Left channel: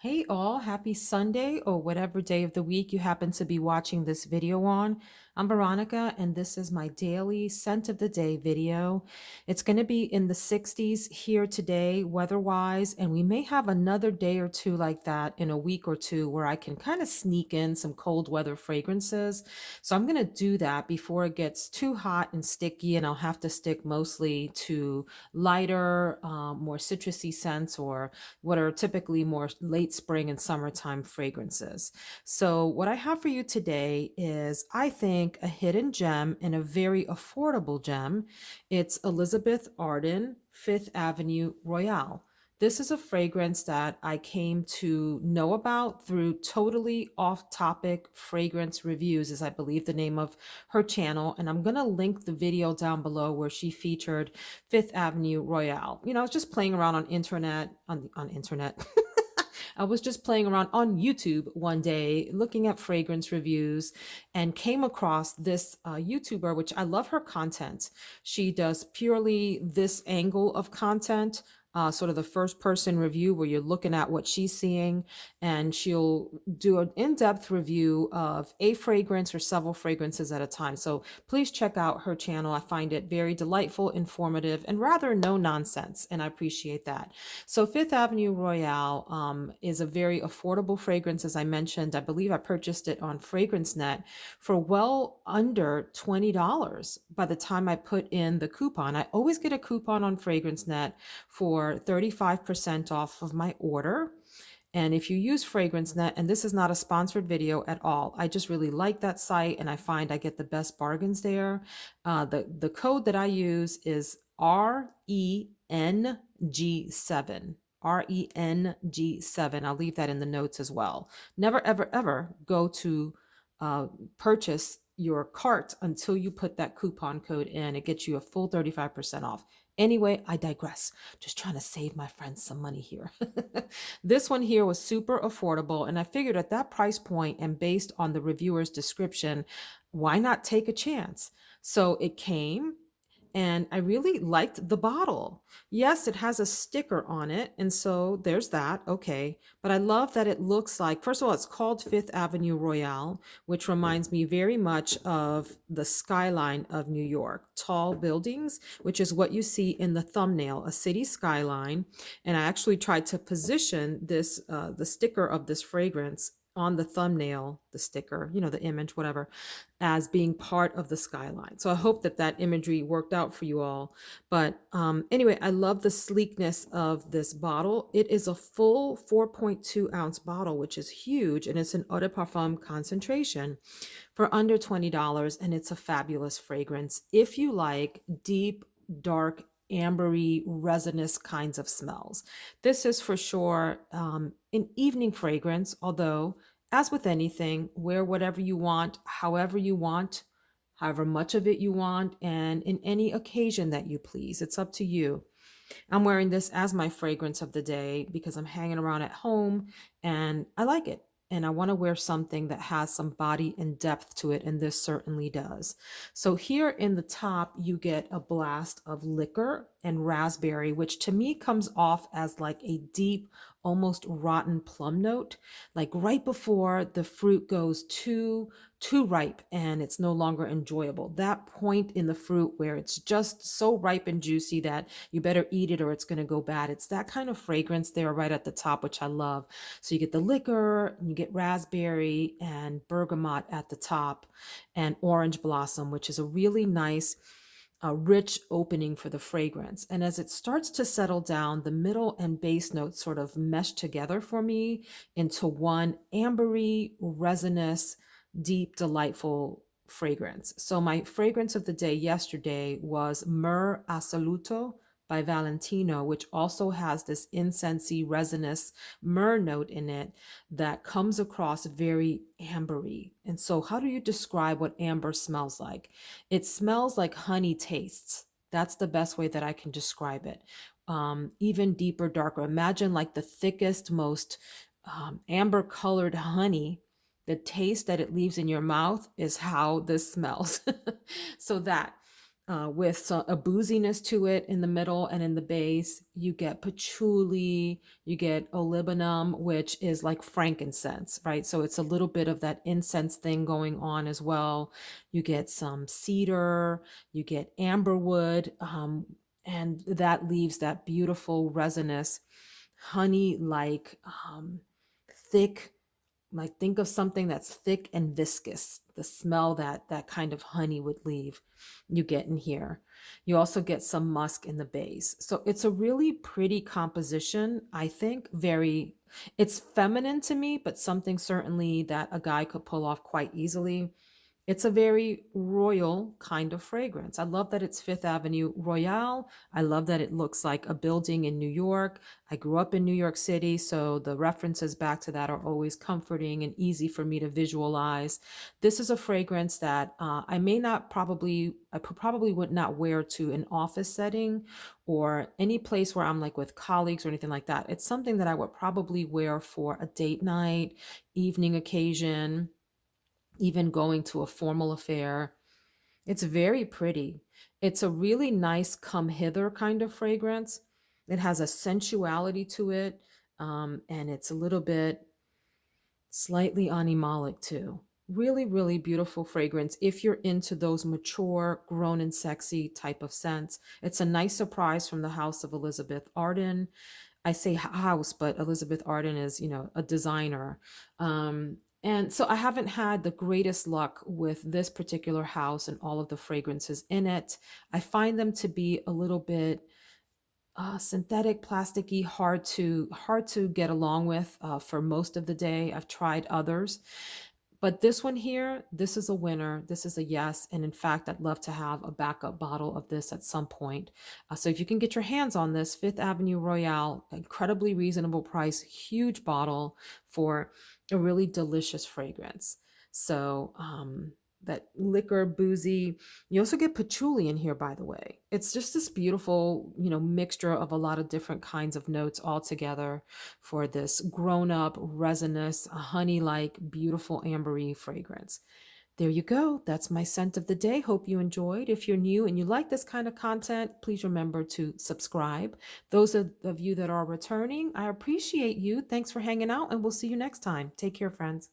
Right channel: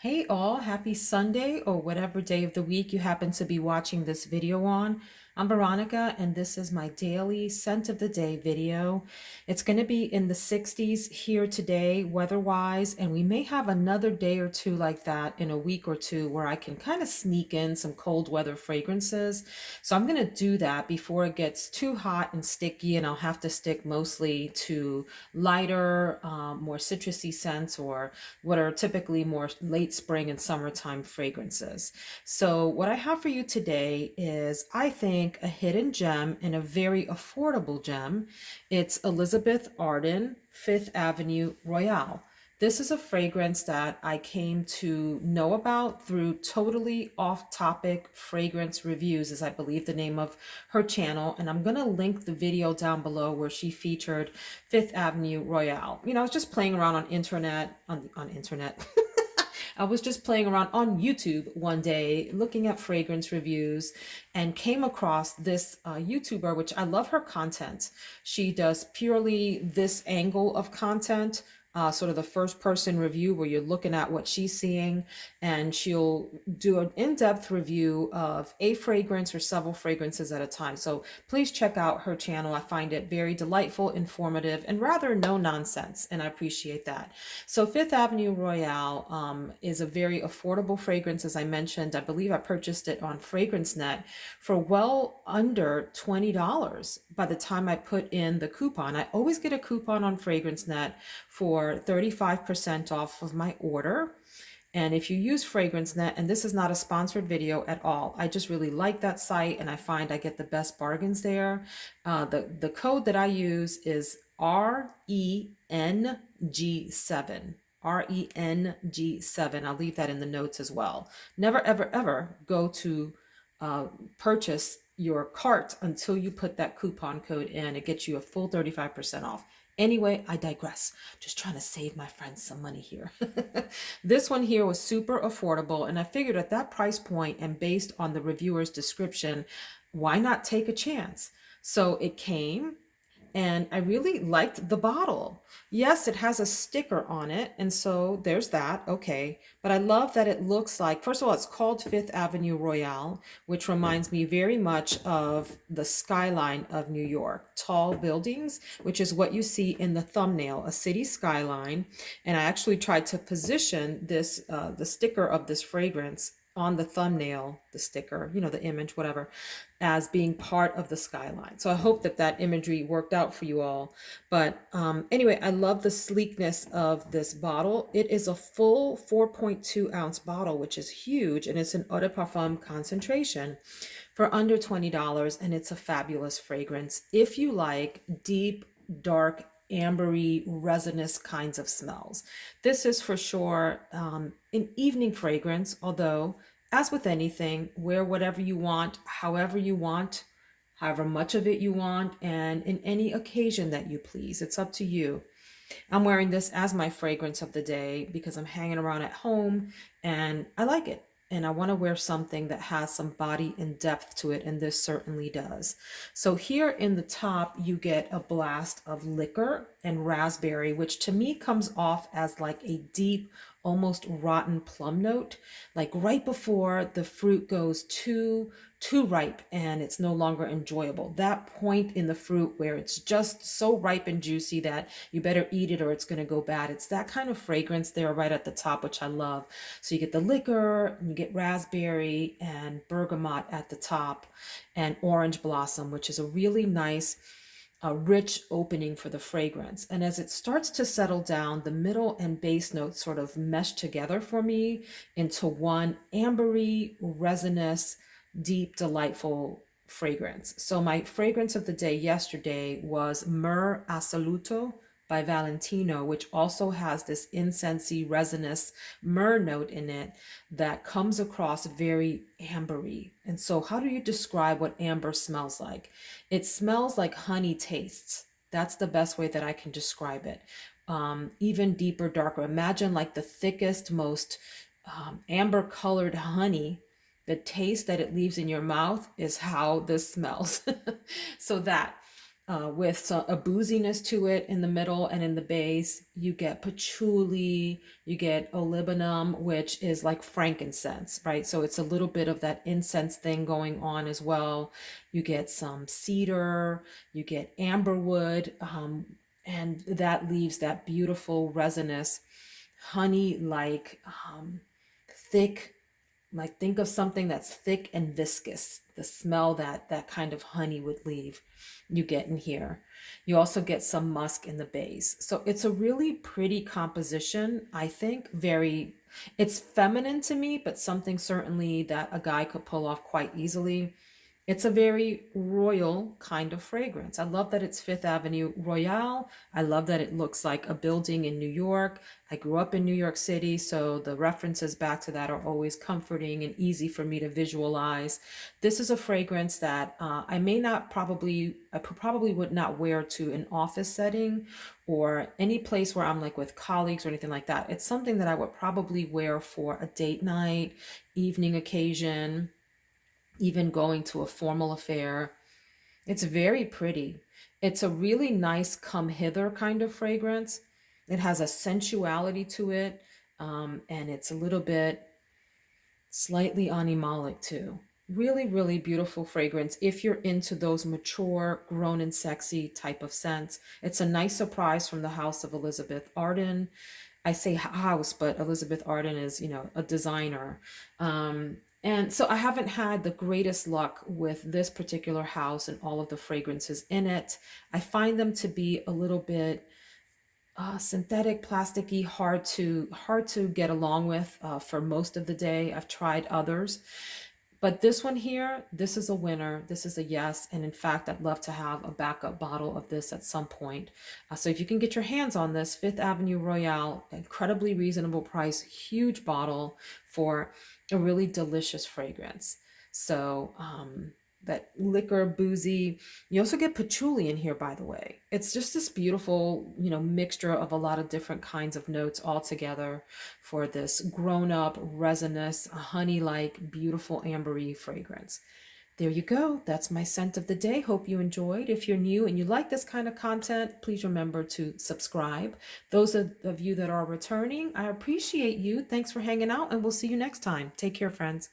Hey all, happy Sunday or whatever day of the week you happen to be watching this video on. I'm Veronica and this is my daily scent of the day video. It's going to be in the 60s here today weather-wise, and we may have another day or two like that in a week or two where I can kind of sneak in some cold weather fragrances. So I'm going to do that before it gets too hot and sticky, and I'll have to stick mostly to lighter, more citrusy scents or what are typically more late spring and summertime fragrances. So, what I have for you today is, I think, a hidden gem and a very affordable gem. It's Elizabeth Arden, Fifth Avenue Royale. This is a fragrance that I came to know about through totally off topic fragrance reviews, is I believe the name of her channel. And I'm going to link the video down below where she featured Fifth Avenue Royale. I was just playing around on internet. I was just playing around on YouTube one day looking at fragrance reviews and came across this YouTuber, which I love her content. She does purely this angle of content, sort of the first person review where you're looking at what she's seeing, and she'll do an in-depth review of a fragrance or several fragrances at a time. So please check out her channel. I find it very delightful, informative, and rather no nonsense, and I appreciate that. So Fifth Avenue Royale is a very affordable fragrance. As I mentioned, I believe I purchased it on FragranceNet for well under $20 by the time I put in the coupon. I always get a coupon on FragranceNet for 35% off of my order. And if you use FragranceNet, and this is not a sponsored video at all, I just really like that site and I find I get the best bargains there. The code that I use is RENG7. RENG7. I'll leave that in the notes as well. Never, ever, ever go to purchase your cart until you put that coupon code in. It gets you a full 35% off. Anyway, I digress. Just trying to save my friends some money here. This one here was super affordable, and I figured at that price point and based on the reviewer's description, why not take a chance? So it came, and I really liked the bottle. Yes, it has a sticker on it, and so there's that. Okay. But I love that it looks like, first of all, it's called Fifth Avenue Royale, which reminds me very much of the skyline of New York. Tall buildings, which is what you see in the thumbnail, a city skyline. And I actually tried to position this, the sticker of this fragrance on the thumbnail, the sticker, the image, whatever, as being part of the skyline. So I hope that that imagery worked out for you all. But anyway, I love the sleekness of this bottle. It is a full 4.2 ounce bottle, which is huge, and it's an eau de parfum concentration for under $20, and it's a fabulous fragrance if you like deep, dark, ambery, resinous kinds of smells. This is for sure an evening fragrance, although, as with anything, wear whatever you want, however much of it you want, and in any occasion that you please. It's up to you. I'm wearing this as my fragrance of the day because I'm hanging around at home and I like it. And I want to wear something that has some body and depth to it, and this certainly does. So here in the top, you get a blast of liquor and raspberry, which to me comes off as like a deep, almost rotten plum note, like right before the fruit goes too ripe and it's no longer enjoyable. That point in the fruit where it's just so ripe and juicy that you better eat it or it's going to go bad. It's that kind of fragrance there right at the top, which I love. So you get the liquor, and you get raspberry and bergamot at the top, and orange blossom, which is a really nice, a rich opening for the fragrance. And as it starts to settle down, the middle and base notes sort of mesh together for me into one ambery, resinous, deep, delightful fragrance. So my fragrance of the day yesterday was Myrrh Assoluto by Valentino, which also has this incensey, resinous myrrh note in it that comes across very ambery. And so how do you describe what amber smells like? It smells like honey tastes. That's the best way that I can describe it. Even deeper, darker. Imagine like the thickest, most amber colored honey. The taste that it leaves in your mouth is how this smells. So that. with a booziness to it in the middle and in the base. You get patchouli, you get olibanum, which is like frankincense, right? So it's a little bit of that incense thing going on as well. You get some cedar, you get amberwood, and that leaves that beautiful resinous honey like thick, like think of something that's thick and viscous, the smell that that kind of honey would leave, you get in here. You also get some musk in the base, so it's a really pretty composition, I think. Very, it's feminine to me, but something certainly that a guy could pull off quite easily. It's a very royal kind of fragrance. I love that it's Fifth Avenue Royale. I love that it looks like a building in New York. I grew up in New York City, so the references back to that are always comforting and easy for me to visualize. This is a fragrance that I may not probably, I probably would not wear to an office setting or any place where I'm like with colleagues or anything like that. It's something that I would probably wear for a date night, evening occasion, even going to a formal affair. It's very pretty. It's a really nice come hither kind of fragrance. It has a sensuality to it, and it's a little bit slightly animalic too. Really, really beautiful fragrance if you're into those mature, grown and sexy type of scents. It's a nice surprise from the house of Elizabeth Arden. I say house, but Elizabeth Arden is, a designer. And so I haven't had the greatest luck with this particular house and all of the fragrances in it. I find them to be a little bit synthetic, plasticky, hard to get along with for most of the day. I've tried others, but this one here, this is a winner. This is a yes. And in fact, I'd love to have a backup bottle of this at some point. So if you can get your hands on this, Fifth Avenue Royale, incredibly reasonable price, huge bottle for a really delicious fragrance. So that liquor, boozy. You also get patchouli in here, by the way. It's just this beautiful, mixture of a lot of different kinds of notes all together for this grown up, resinous, honey like, beautiful ambery fragrance. There you go. That's my scent of the day. Hope you enjoyed. If you're new and you like this kind of content, please remember to subscribe. Those of you that are returning, I appreciate you. Thanks for hanging out, and we'll see you next time. Take care, friends.